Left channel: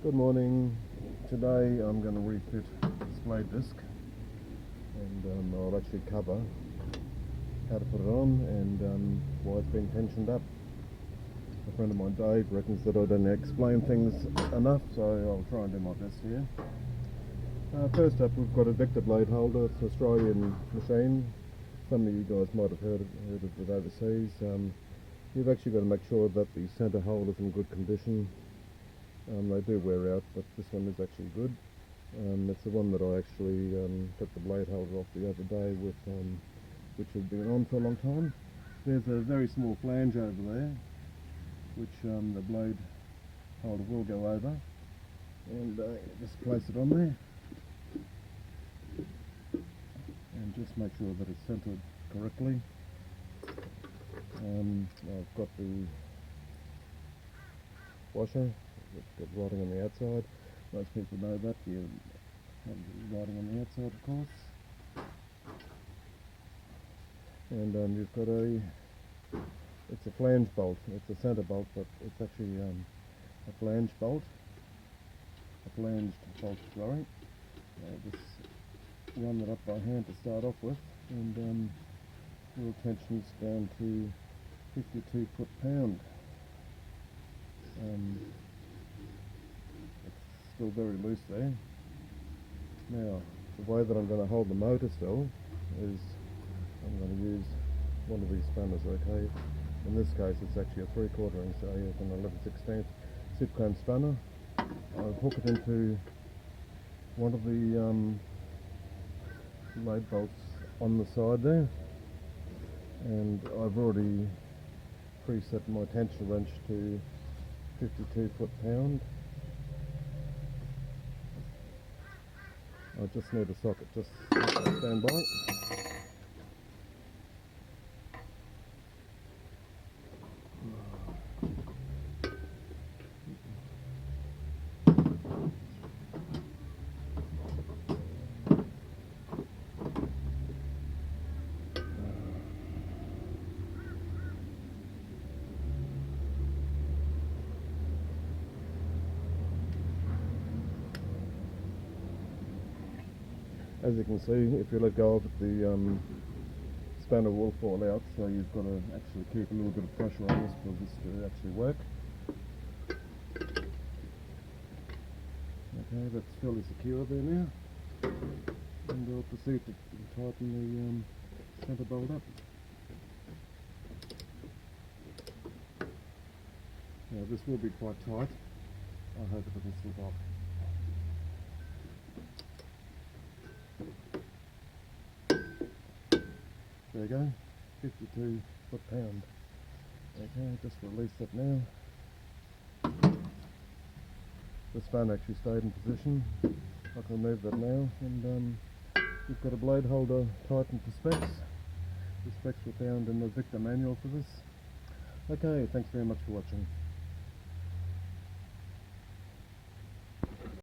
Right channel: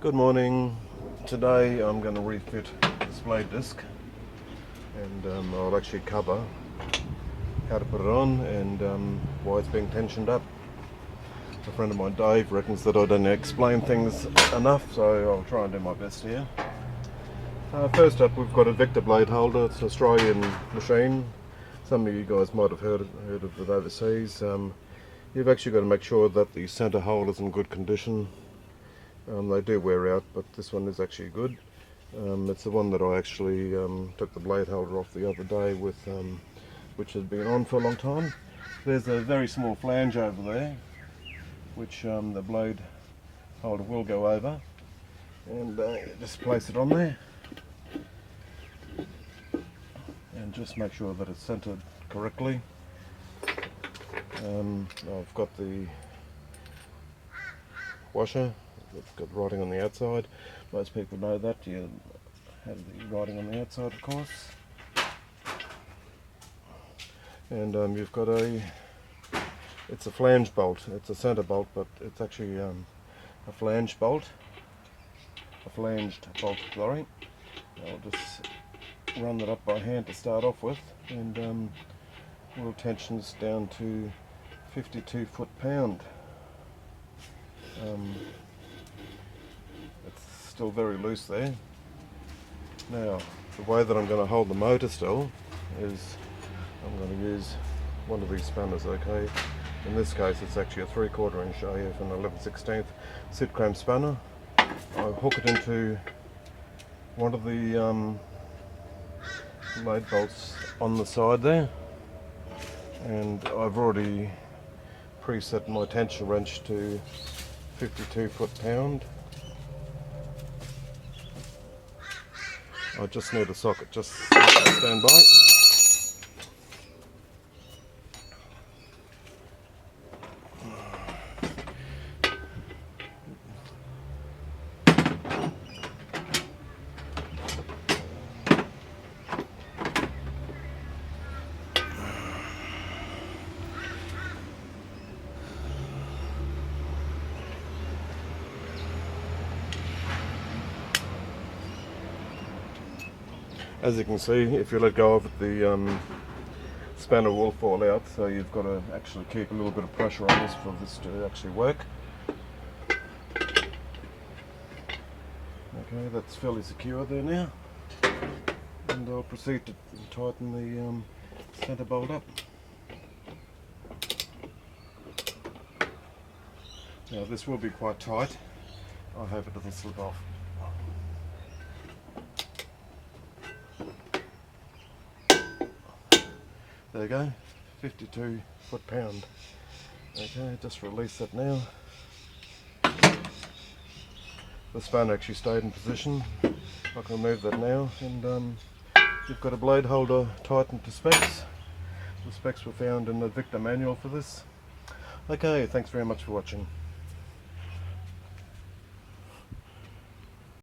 Good morning. Today I'm going to refit this blade disc, and I'll actually cover how to put it on and why it's being tensioned up. A friend of mine, Dave, reckons that I don't explain things enough, so I'll try and do my best here. First up, we've got a Victa blade holder. It's an Australian machine. Some of you guys might have heard of it overseas. You've actually got to make sure that the centre hole is in good condition. They do wear out, but this one is actually good. It's the one that I actually took the blade holder off the other day with, which had been on for a long time. There's a very small flange over there, which the blade holder will go over, and just place it on there, and just make sure that it's centered correctly. I've got the washer. It's got writing on the outside. Most people know that. You have the writing on the outside, of course. And you've got it's a flange bolt. It's a centre bolt, but it's actually a flange bolt. A flanged bolt, sorry. I'll just run that up by hand to start off with, and wheel tensions down to 52 foot-pound. It's still very loose there. Now, the way that I'm going to hold the motor still is I'm going to use one of these spanners, okay? In this case it's actually a 3/4 inch AF and 11/16 sit clamp spanner. I hook it into one of the blade bolts on the side there, and I've already preset my tension wrench to 52 foot-pound. I just need a socket, just stand by. As you can see, if you let go of it, the spanner will fall out, so you've got to actually keep a little bit of pressure on this for this to actually work. Okay, that's fairly secure there now, and I'll proceed to tighten the centre bolt up. Now this will be quite tight. I hope it doesn't slip off. There you go, 52 foot-pound. Okay, just release that now. The spanner actually stayed in position. I can remove that now, and you've got a blade holder tightened to specs. The specs were found in the Victa manual for this. Okay, thanks very much for watching.